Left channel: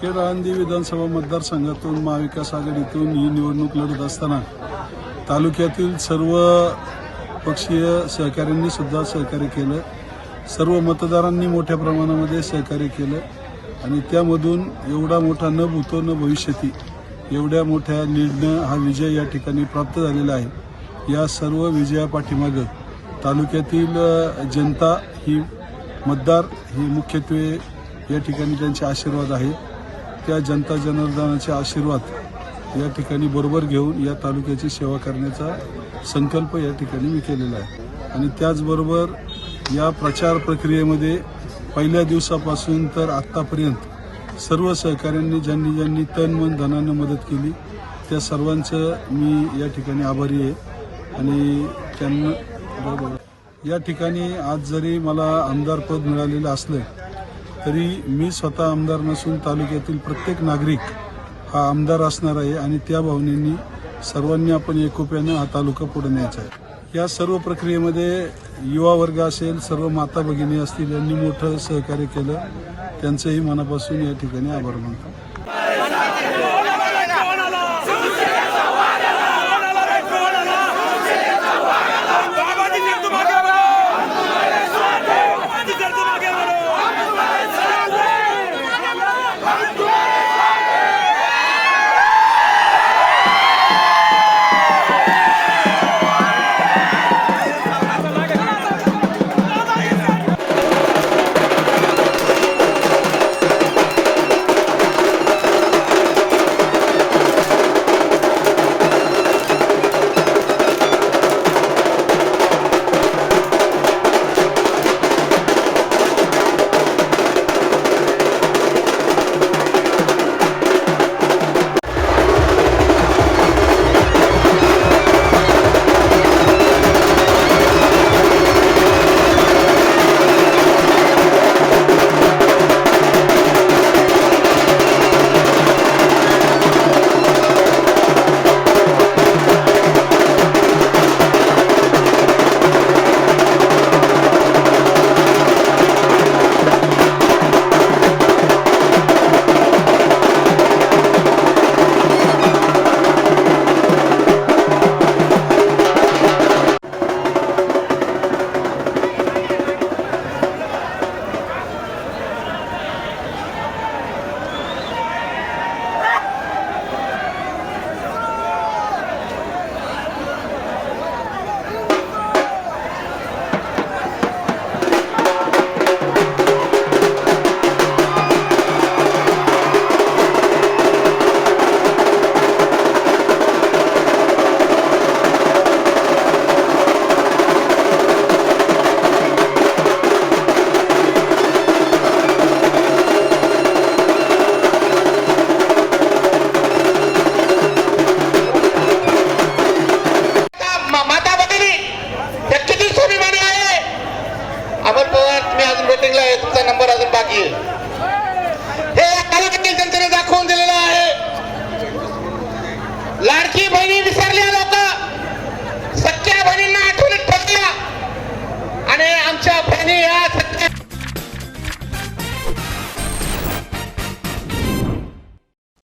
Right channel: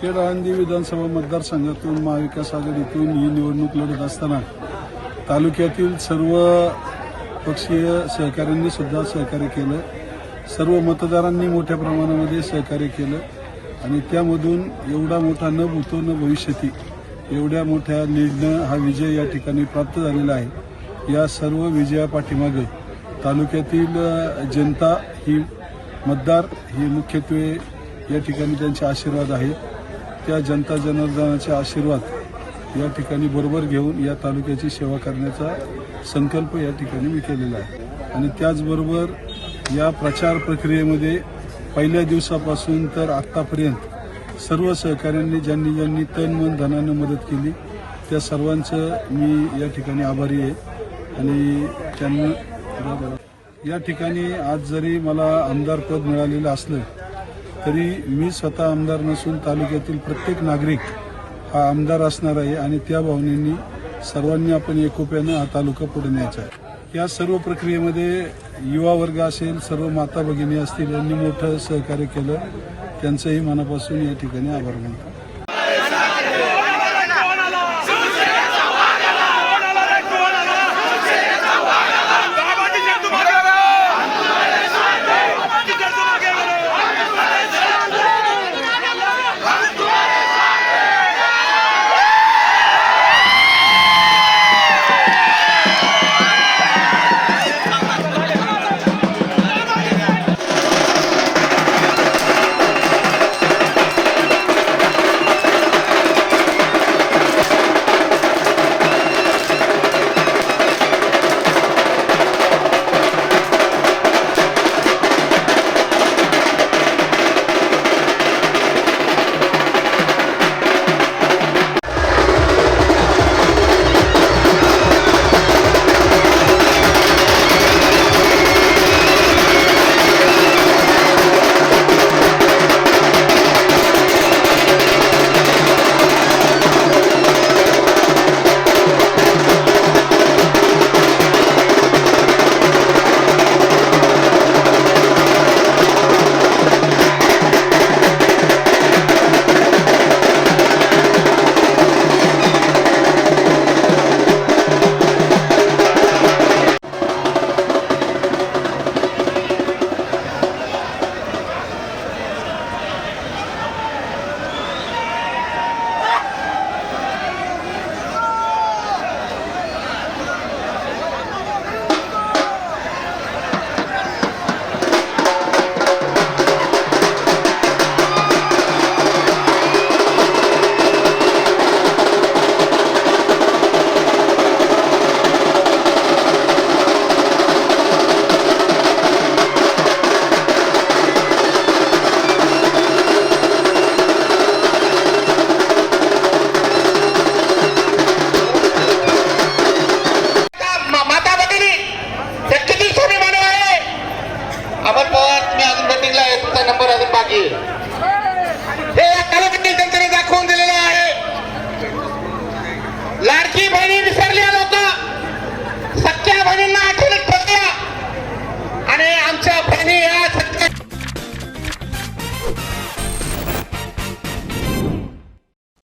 खेड आळंदी विधानसभा मतदारसंघातून महाविकास आघाडीतून ही निवडणूक लढत असताना तालुक्यातील सर्व पक्षीय सहकाऱ्यांनी सुद्धा सहकार्य केलं. सर्व मतदारांनी मोठ्या प्रमाणामध्ये सहकार्य केलं आणि त्यामधून एवढा मोठा न भूतो न भविष्यती एवढ्या मोठ्या लीडनं हा विजय या ठिकाणी प्राप्त झालेला आहे. या सर्व विजयापाठीमागं तालुक्यातील जनता ही मतदार हे मुख्यत्वे या ठिकाणी त्यांचे आशीर्वाद आहेत त्या जनता जनार्दनाचे आशीर्वाद या ठिकाणी बरोबर घेऊन या तालुक्याची सेवा करण्याचा संकल्प या ठिकाणी मी केलेला आहे आणि त्याचबरोबर या प्रचार प्रक्रियेमध्ये पहिल्या दिवसापासून तर आत्तापर्यंत सर्व सहकाऱ्यांनी ज्यांनी ज्यांनी तन मन धनानं मदत केली त्या सर्वांचं मी या ठिकाणी आभारी आहे आणि त्यांना बरोबर. या ठिकाणी आज जरी मला आमदारपद मिळालेलं असलं तरी मी स्वतः आमदार नसून तालुक्यातील प्रत्येक नागरिक हा आमदार असणार आहे आणि त्या भावनेनी सर्वांनी आपण एकोप्यानं हा तालुका पुढे न्यायचा आहे. या सर्व प्रक्रियेमध्ये युवा वर्ग असेल सर्व माता भगिनी असतील यांनी मोठं सहकार्य केलं. त्यांचंही मनापासून या ठिकाणी आभार मानतो. आपण पोहत मी अजून मीटिंगला आहे. नंबर अजून बाकी हे कार्यकर्ते जनतेने दाखवून दिलेलं आहे. लाडकी बहिणी विसरली लोक. सख्या बहिणींना आठवणीत ठेवतो आणि आमच्या बहिणी